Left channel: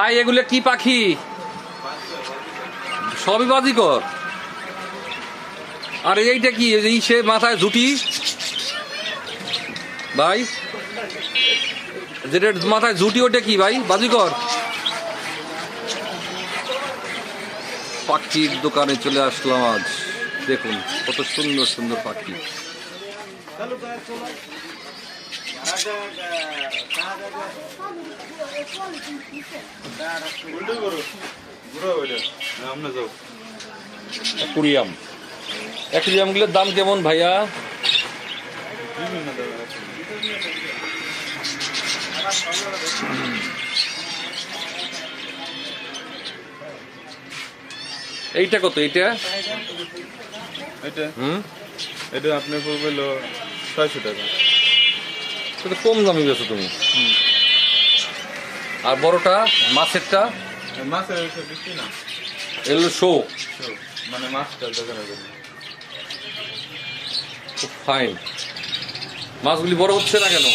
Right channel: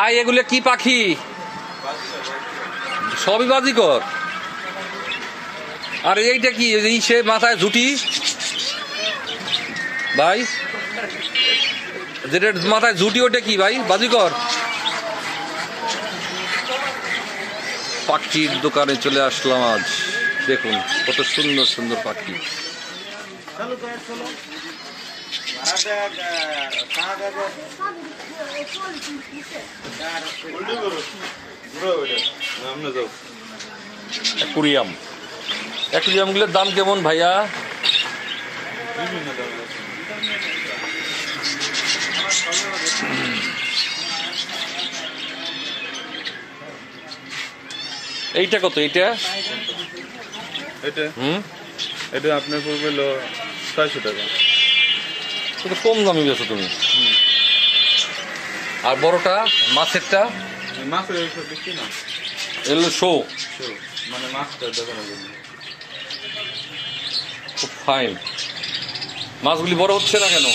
ভাই এগুলো কি পাখি? সবই বাজিকর। আর এইটা কি সে মাথায় ঝুটি ভাই, যেটা মাথায় ঝুটি ওটা কি ভাই? বাজিকর। পাখির দোকানে চলে আসলাম আজ। দেখুন কত সুন্দর সুন্দর পাখি। অ্যাকুরিয়াম, অ্যাকুরিয়ামগুলোর দাম কেমন ভাইয়া? এইটা কত? এইটা এটা আপনার পড়বে 600 টাকা। কম দামি বেছো তুমি। আর বড়টা মাছেরটা? মাছের বেশি না, এগুলো শো, মানে মাছটা দেখানোর জন্য। খুব ফাইন। মাছগুলি বড় হচ্ছে না কেন?